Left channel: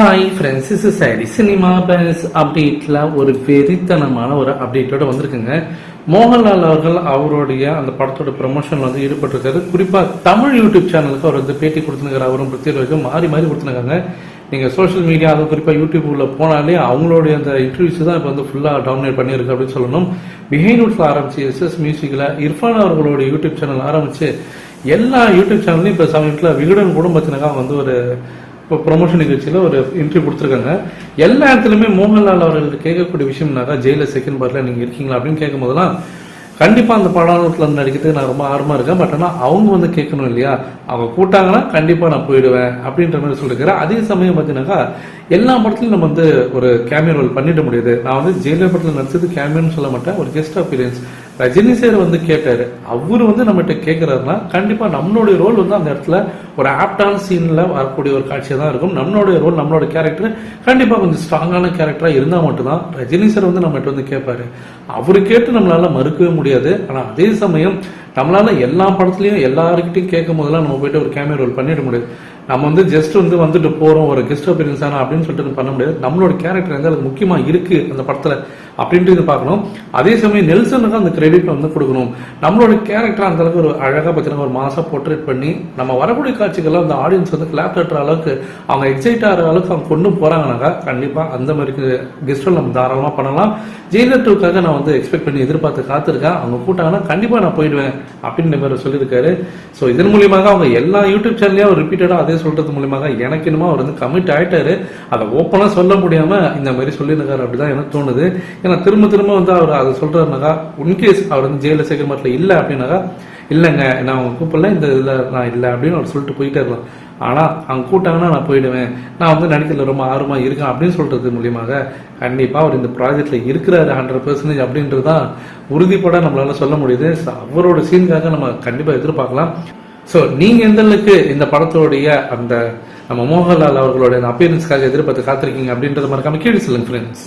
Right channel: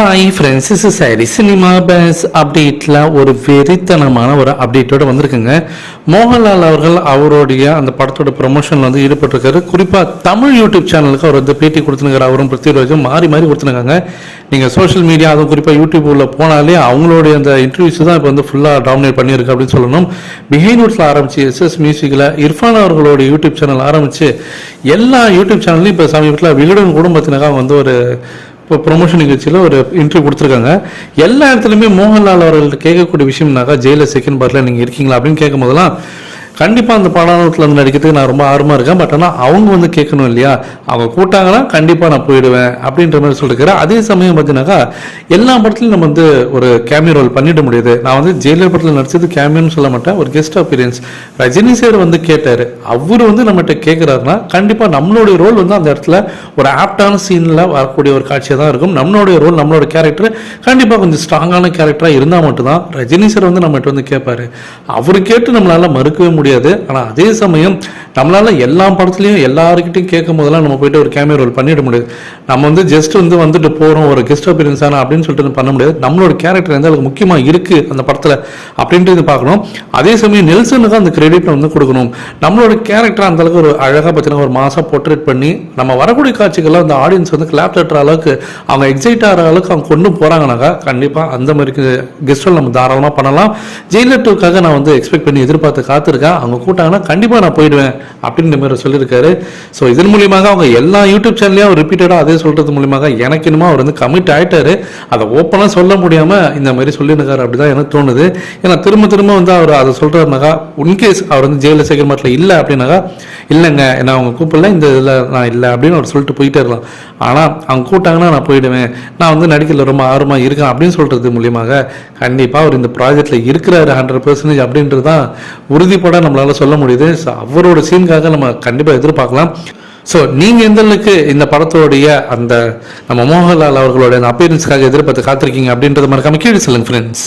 Hi friends, இஸ் சாரி cinema பேஸ் அப்டேட்டில் ஒரு வெறித்தனமான ஒரு அப்டேட்டோடு வந்திருக்குங்க. மோகன்லால் அவர்கள் அவருடைய அந்த படத்தோட ப்ரொமோஷனில் வந்து ஈடுபட்டிருக்காரு. குறிப்பாக தமிழ் யூடியூப் சேனலுக்கு அவர் வந்து பேட்டி கொடுத்துருக்காரு. அவரும் பிரத்யேகம் மாறி கொடுத்துருக்காங்க. நீங்கள் சோஷியல் மீடியா, அதுவும் குறிப்பாக யூடியூப்ல போனாலே அவங்களுடைய அந்த இன்டர்வியூஸ் தான் இப்போ வந்து ஃபுல்லாக டாமினேட் பண்ணியிருக்கு அப்படின்னு சொல்லணும். பிஹைண்ட் வுட்ஸில் ஆரம்பிச்சு எஸ்எஸ் மியூசிக்கில் இர்ஃபான் அவர்களோட யூடியூப் சேனல் ஆரம்பித்து எல்லா யூடியூப் சேனல்லையும் இப்போ சமீபத்தில் விகடன் குடும்பத்தினராக வந்து ஒரு இப்போ ப்ரொமோஷன் நிகழ்ச்சியில் ஒரு இன்டர்வியூ கொடுத்துருக்காங்க. எல்லா இடத்துலையுமே மோகன்லால் அவர்கள்ட்ட கேட்கக்கூடிய விஷயம்னாக்கா ஜெயிலர் செகண்ட் பார்ட்டில் நீங்கள் இருக்கீங்களா அப்படின்னு கேட்கும் போதெல்லாம் கண்டிப்பாக அந்த படத்தில் வந்து நடிக்கிறதுக்கு நான் ரொம்ப ஆர்வமாக இருக்கேன். பட் ஆனால் அவங்க வந்து கேட்கணும் இல்லையா, அவங்க கூட்டாங்கன்னா கண்டிப்பாக நான் போயிடுவேன் அப்படின்ற மாதிரி சொல்லியிருக்கிறேன். அதே சமயம் பார்த்தீங்கன்னாக்கா எல்லா படத்துலையும் நம்ம வந்து ஒரு கேமியோ ரோல் பண்ணிட முடியாது. நான் வந்து ஜெயிலர் படத்தில் நடிச்சது கேமியோன்னு சொல்ல மாட்டேன், ஒரு கெஸ்ட் அப்பியரன்ஸ். ரஜினி சார் வந்து கேட்டார். அவர் வந்து நம்மகிட்ட கேட்குறாருன்னா கண்டிப்பாக நம்மளுடைய ரோல் வந்து அந்த இடத்துல ஒரு ஆப்டான சீனில் வரக்கூடிய ஒரு காட்சியாக தான் இருக்கும். நம்மளுடைய ரோல், நம்மளோட கேரக்டர் கண்டிப்பாக கொஞ்சம் ஸ்ட்ராங்கான கேரக்டராக இருந்தால் மட்டும்தான் ரஜினி சார் வந்து நம்மகிட்ட வந்து கேட்பாரு. அவர் கேட்டு நம்மளால மறுக்கவே முடியாது. ஆனால் அதே சமயம் நம்மளால எல்லா படத்துலையும் எல்லாருக்கிட்டையும் கேட்கும் போதெல்லாம் நம்ம போயிட்டு ஒரு கேமியோ ரோல் பண்ணிட முடியாது. நம்ம வந்து ஜஸ்ட் வந்துட்டு போகிறோம், ஒரு கெஸ்ட் அப்பியரன்ஸ் ஆனா அப்படின்னு சொல்லிட்டு பண்ண முடியாது. நம்மளோட கேரக்டர் எந்த அளவுக்கு முக்கியமாக இருக்கு அந்த படத்தில் அப்படின்றது பார்க்கணும். அதே சமயம் நெல்சனுக்கு அந்த கிரெடிட் வந்து கொடுக்கணும். நம்மளோட கேரக்டர் அந்த அளவுக்கு ஒரு அழகாக பார்த்தீங்கன்னா ஒரு மாசம் போர்ட்ரேட் பண்ணி நம்ம வரக்கூடிய காட்சிகள்லாம் அந்த ஆடியன்ஸ் வந்து கிளாப் தட்டுற அளவுக்கு அவங்க எக்ஸைட் ஆகிற அளவுக்கு அவங்க கொண்டு போகிறாங்கனாக்கா கண்டிப்பாக அந்த மாதிரி கெஸ்ட் ரோல் நம்ம தாராளமாக பண்ணலாம். ஜெயிலர் 2க்காக நான் வந்து எக்ஸ்பெக்ட் பண்ணி எதிர்பார்த்து காத்திருக்கேன். அவங்க கூட்டாங்கன்னா கண்டிப்பாக நான் போயிடுவேன் அப்படின்ற மாதிரி சொல்லியிருக்காரு. ஸோ இதன் மூலியமாக அவங்க எல்லா யூடியூப் சேனல்லையும் ரிப்பீட்டடாக அதே சொல்றது மூலியமாக எனக்கு என்னமோ அவர் வந்து கமிட் ஆகிட்டாரு. அதை ஓப்பனாக சொல்ல முடியாமல் இந்த மாதிரி சொல்லியிருக்காரு அப்படிதான் எனக்கு தோணுது. ஏன்னா திரும்ப வந்து அவர் அதை சொல்றாருனாக்கா, இன்கேஸ் அவர் வந்து ஜெயிலர் செகண்ட் பார்ட்டில் இல்லை அப்படின்னாக்கா, இல்லைங்க நான் அவங்க கூப்பிடல, இந்த இதில் நான் இல்லை அப்படின்னு அவர் சொல்லிட்டு போயிட்டே இருக்கலாம். ஆனால் அவங்க கூட்டாங்கன்னா நான் போயிடுவேன், நான் வந்து நடிக்கிறதுல ரொம்ப ஆர்வமாக இருக்கேன் அப்படின்னு சொல்றது மூலியமாக கண்டிப்பாக அவர் இந்த ப்ராஜெக்டில் இருக்கிறாரு 100% அப்படின்றது தான் உறுதிப்பட நம்மளால சொல்ல முடியுது. ஸோ அவரோட சீனுக்காக நம்ம கண்டிப்பாக எதிர்பார்க்கலாம். ஸோ நீங்கள் எந்த அளவுக்கு இந்த படத்தோடைய அந்த நம்ம மோகன்லால் அவர்களுடைய அந்த அப்பியரன்ஸ்க்காக எதிர்பார்த்து காத்திருக்கீங்க அப்படின்றத மறக்காம கீழே சொல்லுங்க ஃப்ரெண்ட்ஸ்.